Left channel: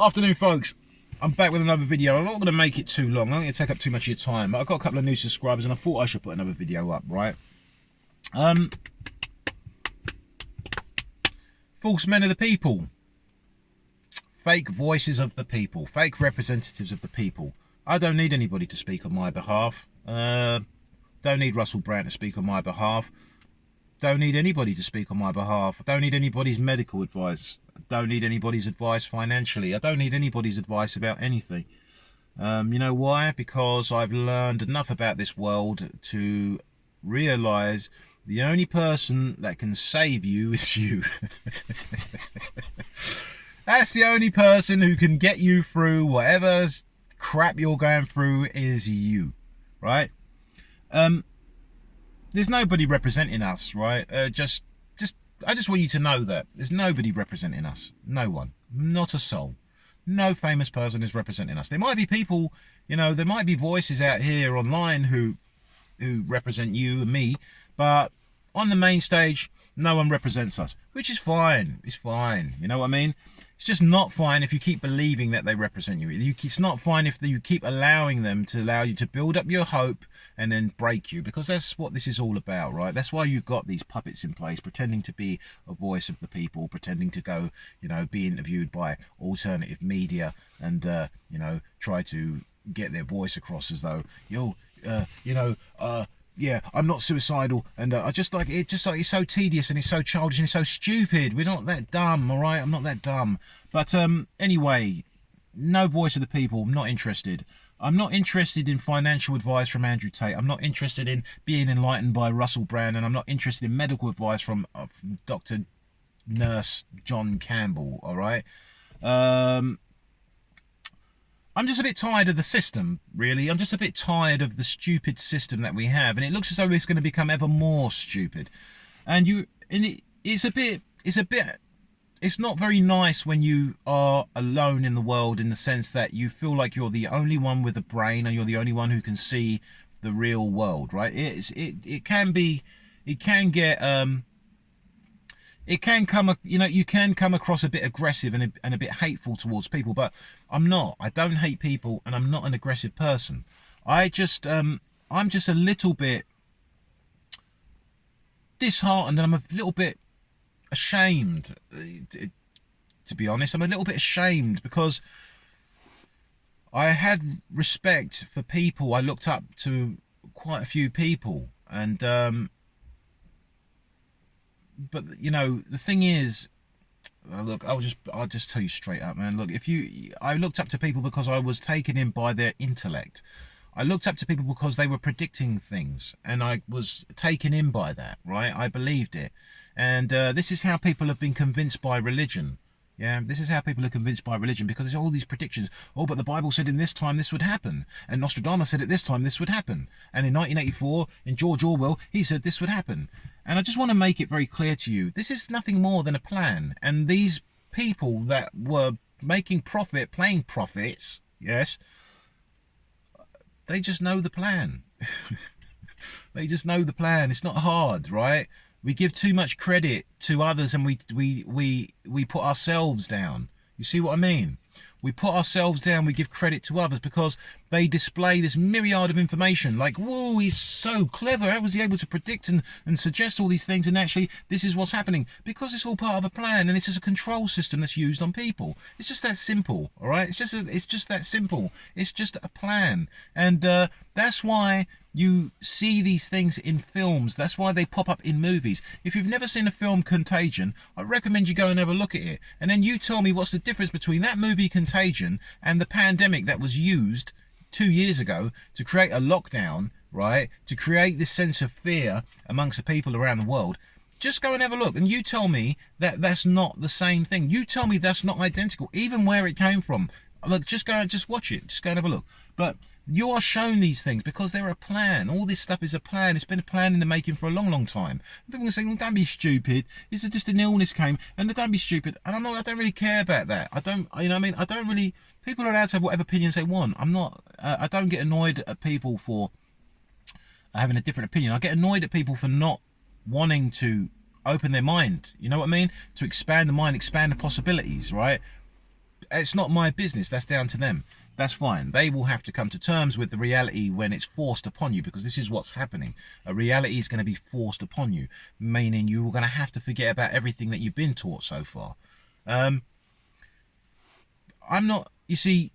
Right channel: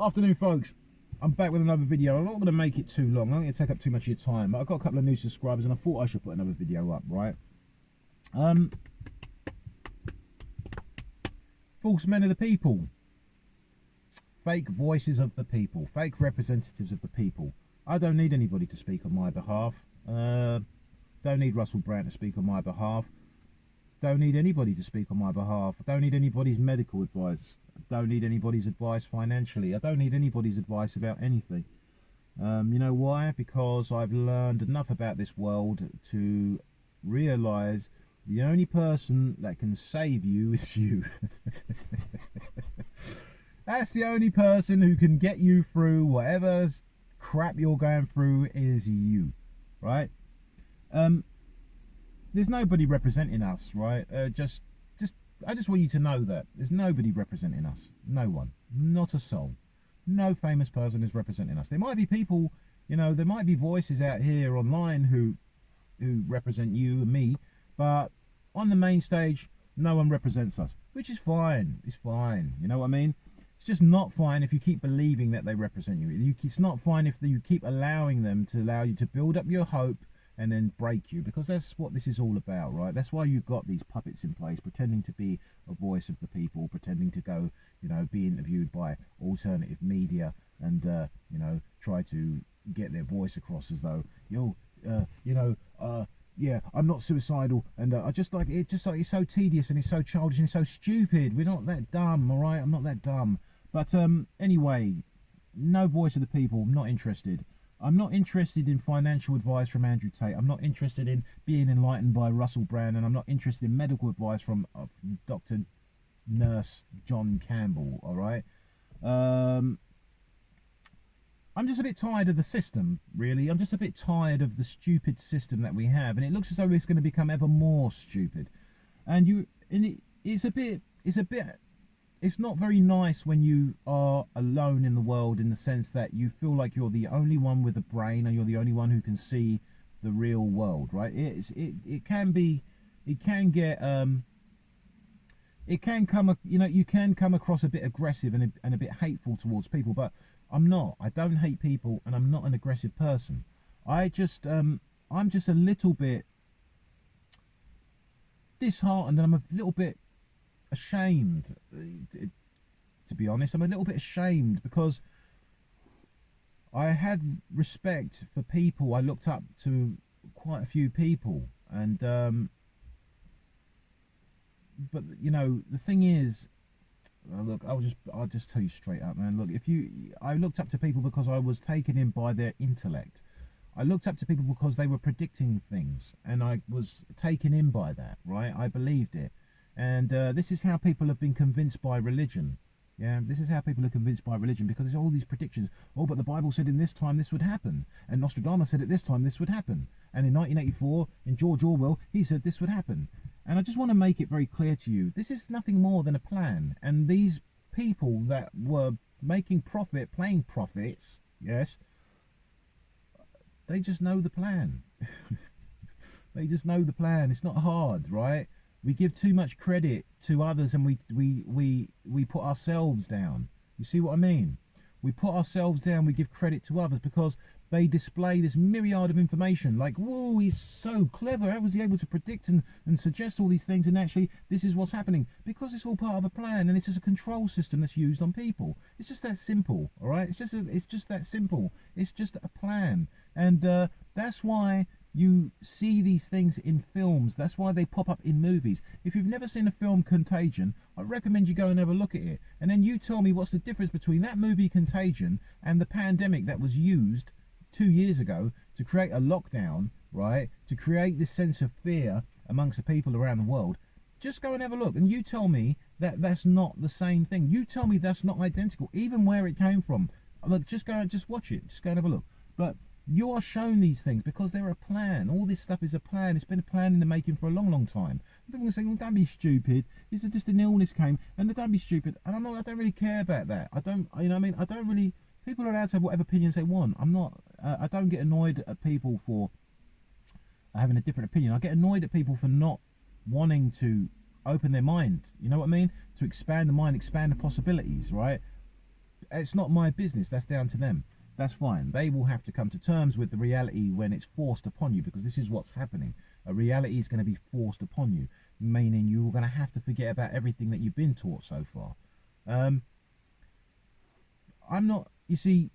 Afternoon, folks. I'm back with another video. I'm not going to make it too long. I'm not going to take up too much of your time. But I've got a couple of new subscribers and I thought I should put another video up, right? False men of the people. Fake voices of the people. Fake representatives of the people. I don't need anybody to speak on my behalf. Don't need Russell Brand to speak on my behalf. Don't need anybody to speak on my behalf. I don't need anybody's medical advice. I don't need anybody's advice financially. I don't need anybody's advice about anything. You know why? Because I've learned enough about this world to realise the only person that can save you is you. That's the only person who can get you through whatever crap you're going through is you, right? There's nobody representing us, right? I just want you to know that there's nobody representing us. No one, not a soul. No famous person is representing us. There might be people, you know, there might be voices out here online who represent you and me, but on the main stage, no one represents us, which is fine. It's fine. You know what I mean? It's just not fine if you keep believing that they represent you. It's not fine if you keep allowing them to allow you to build up your hope and then break you, because that's what this is all about, right? That's why you've got these puppets in place, pretending to be a voice of the people, pretending to go, you know, be interviewed by alternative media and, you know, try to get their voice across as though, yeah, I'm not suicidal, and I just like it. Just like it's so tedious and it's so childish and it's so stupid. We're not that dumb, all right? I'm not that dumb. But anyway, no voice of the people. I'm not interested. I'm not interested in financial advice from Andrew Tate. I'm not interested in being enlightened by Russell Brand, and I'm not interested in medical advice from Dr. Nurse John Campbell. All right. I'm just a bit tired of the system, really. I'm just a bit tired of the stupid system that we have, and it looks as though it's going to become ever more stupid. It's not very nice when you are alone in the world, in the sense that you feel like you're the only one with a brain, and you're the only one who can see the real world, right? You can come across a bit aggressive and a bit hateful towards people, but I'm not. I don't hate people, and I'm not an aggressive person. I'm just a little bit disheartened, and I'm a little bit ashamed, to be honest. I'm a little bit ashamed because I had respect for people. I looked up to quite a few people, and but you know, the thing is, look, I'll just tell you straight up, man. Look, I looked up to people because I was taken in by their intellect. I looked up to people because they were predicting things, and I was taken in by that, right? I believed it. And this is how people have been convinced by religion. Yeah, this is how people are convinced by religion, because there's all these predictions. Oh, but the Bible said in this time this would happen, and Nostradamus said at this time this would happen, and in 1984, in George Orwell, he said this would happen. And I just want to make it very clear to you, this is nothing more than a plan. And these people that were making profit, playing prophets, yes, they just know the plan. They just know the plan. It's not hard, right? We give too much credit to others, and we put ourselves down. You see what I mean? We put ourselves down, we give credit to others because they display this myriad of information. Like, whoa, he's so clever. How was he able to predict and suggest all these things? And actually, this is what's happening. Because it's all part of a plan, and it's just a control system that's used on people. It's just that simple, all right? It's just that simple. It's just a plan. And that's why you see these things in films. That's why they pop up in movies. If you've never seen a film Contagion, I recommend you go and have a look at it. And then you tell me what's the difference between that movie Contagion and the pandemic that was used 2 years ago to create a lockdown, right? To create this sense of fear amongst the people around the world. Just go and have a look, and you tell me that that's not the same thing. You tell me that's not identical, even where it came from. Look, just go and just watch it. Just go and have a look. But you are shown these things because they're a plan. All this stuff is a plan. It's been a plan in the making for a long, long time. People can say, well, don't be stupid. It's just an illness came, and don't be stupid. And I don't really care about that. I don't, you know what I mean? I don't really, people are allowed to have whatever opinions they want. I don't get annoyed at people for having a different opinion. I get annoyed at people for not wanting to open their mind. You know what I mean? To expand the mind, expand the possibilities, right? it's not my business. That's down to them. That's fine. They will have to come to terms with the reality when it's forced upon you, because this is what's happening. A reality is going to be forced upon you, meaning you're going to have to forget about everything that you've been taught so far. I'm not, you see,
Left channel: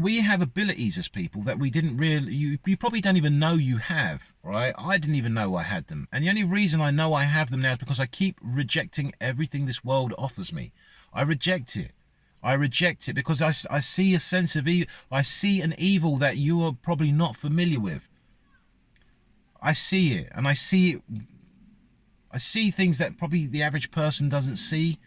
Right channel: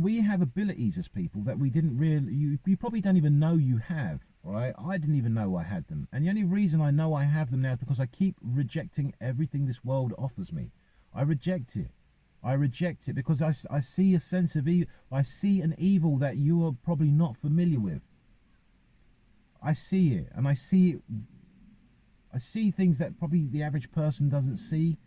we have abilities as people that we didn't really, you probably don't even know you have, right? I didn't even know I had them. And the only reason I know I have them now is because I keep rejecting everything this world offers me. I reject it. I reject it because I see a sense of evil. I see an evil that you are probably not familiar with. I see it, and I see it. I see things that probably the average person doesn't see.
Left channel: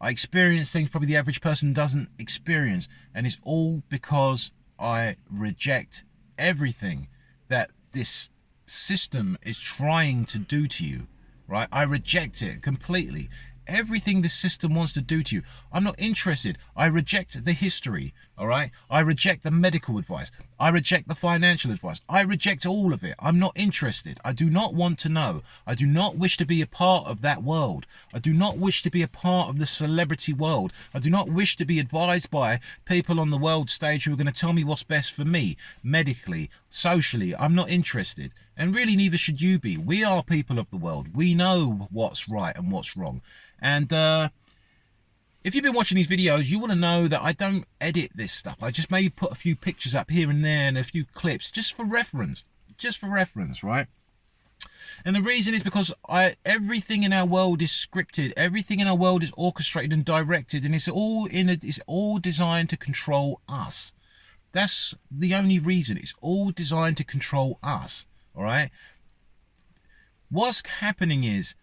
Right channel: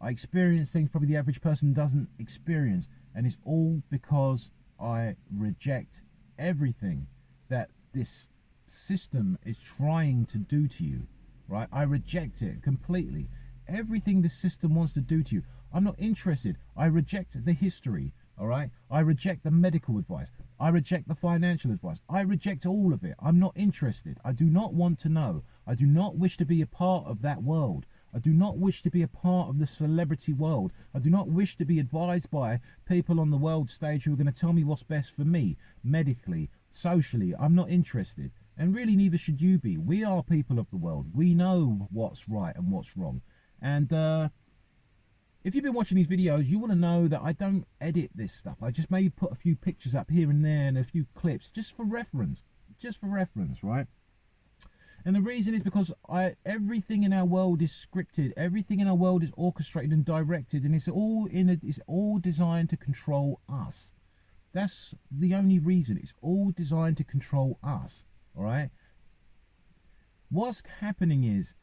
I experience things probably the average person doesn't experience, and it's all because I reject everything that this system is trying to do to you, right? I reject it completely. Everything the system wants to do to you, I'm not interested. I reject the history, all right? I reject the medical advice. I reject the financial advice. I reject all of it. I'm not interested. I do not want to know. I do not wish to be a part of that world. I do not wish to be a part of the celebrity world. I do not wish to be advised by people on the world stage who are going to tell me what's best for me, medically, socially. I'm not interested. And really, neither should you be. We are people of the world. We know what's right and what's wrong. And if you've been watching these videos, you want to know that I don't edit this stuff. I just maybe put a few pictures up here and there and a few clips just for reference. Just for reference, right? And the reason is because everything in our world is scripted. Everything in our world is orchestrated and directed, and it's all designed to control us. That's the only reason. It's all designed to control us, all right? What's happening is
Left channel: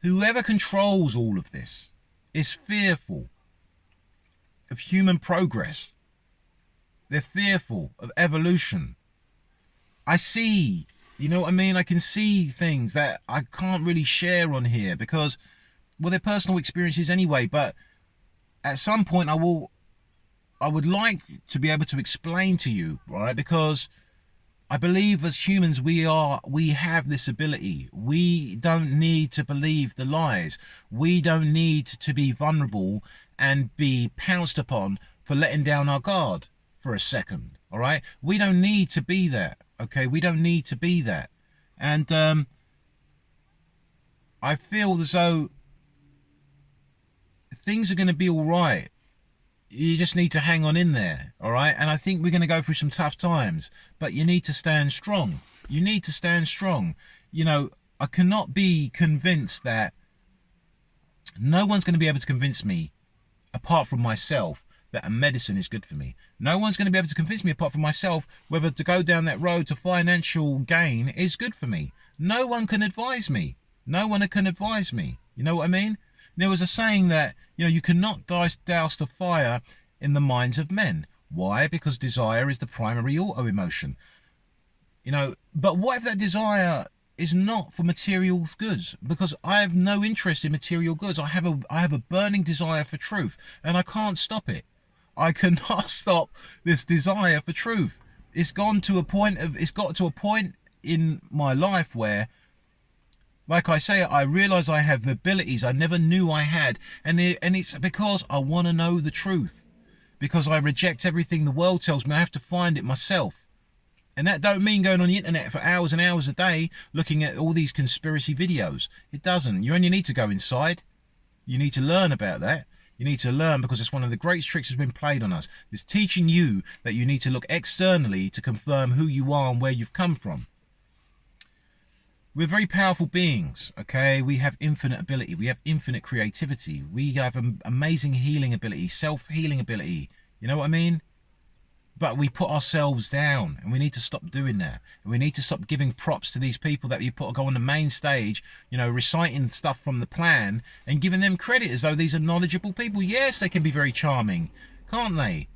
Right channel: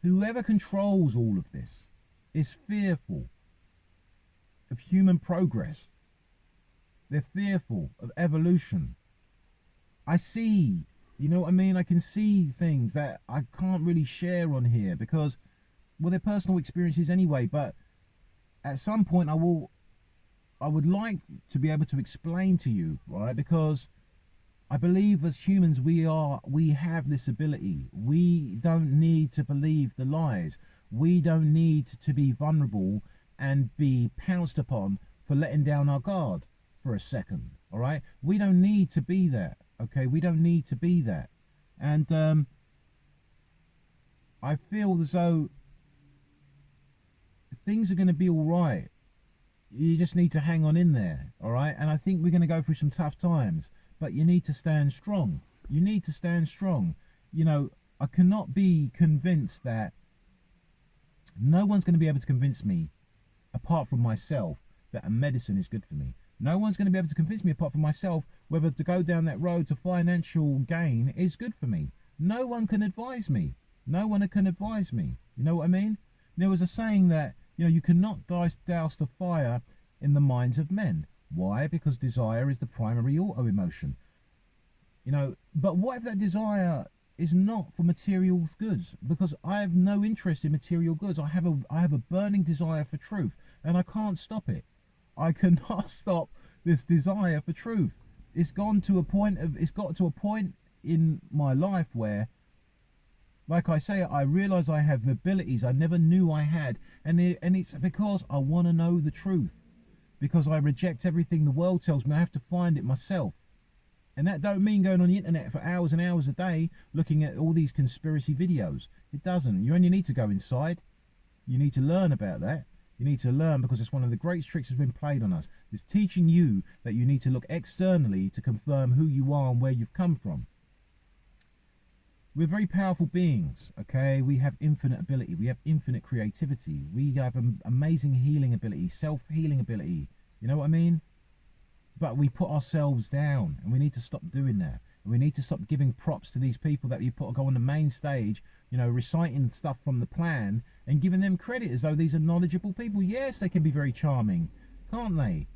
whoever controls all of this is fearful of human progress. They're fearful of evolution. I see, you know what I mean? I can see things that I can't really share on here because, well, they're personal experiences anyway, but at some point I would like to be able to explain to you, right? Because I believe as humans we have this ability. We don't need to believe the lies. We don't need to be vulnerable and be pounced upon for letting down our guard for a second, all right? We don't need to be that, okay? We don't need to be that. And I feel as though things are going to be all right. You just need to hang on in there, all right? And I think we're going to go through some tough times, but you need to stand strong. You need to stand strong. You know, I cannot be convinced that no one's going to be able to convince me, apart from myself, that a medicine is good for me. No one's going to be able to convince me, apart from myself, whether to go down that road to financial gain is good for me. No one can advise me. No one can advise me. You know what I mean? There was a saying that, you know, you cannot douse the fire in the minds of men. Why? Because desire is the primary auto emotion. You know, but what if that desire is not for material goods? Because I have no interest in material goods. I have a burning desire for truth, and I can't stop it. I cannot stop this desire for truth. It's got to a point in my life where, like I say, I realise I have abilities I never knew I had, and it's because I want to know the truth. Because I reject everything the world tells me. I have to find it myself. And that don't mean going on the internet for hours and hours a day looking at all these conspiracy videos. It doesn't. You only need to go inside. You need to learn about that. You need to learn, because it's one of the greatest tricks that's been played on us. It's teaching you that you need to look externally to confirm who you are and where you've come from. We're very powerful beings, okay? We have infinite ability. We have infinite creativity. We have an amazing healing ability, self-healing ability. You know what I mean? But we put ourselves down, and we need to stop doing that. And we need to stop giving props to these people that you go on the main stage, you know, reciting stuff from the plan and giving them credit as though these are knowledgeable people. Yes, they can be very charming, can't they?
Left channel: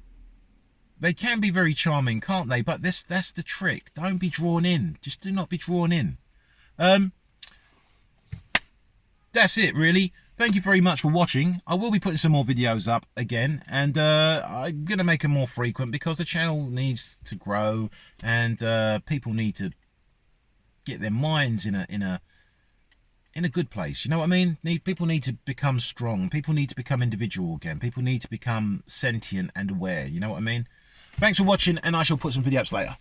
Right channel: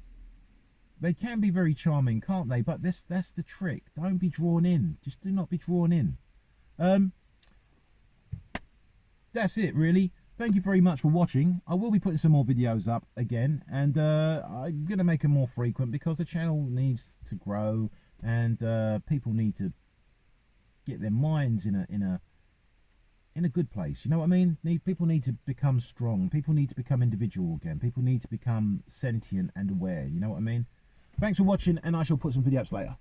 They can be very charming, can't they? But that's the trick. Don't be drawn in. Just do not be drawn in. That's it, really. Thank you very much for watching. I will be putting some more videos up again, and I'm going to make them more frequent because the channel needs to grow, and people need to get their minds in in a good place. You know what I mean? People need to become strong. People need to become individual again. People need to become sentient and aware. You know what I mean? Thanks for watching, and I shall put some video ups later.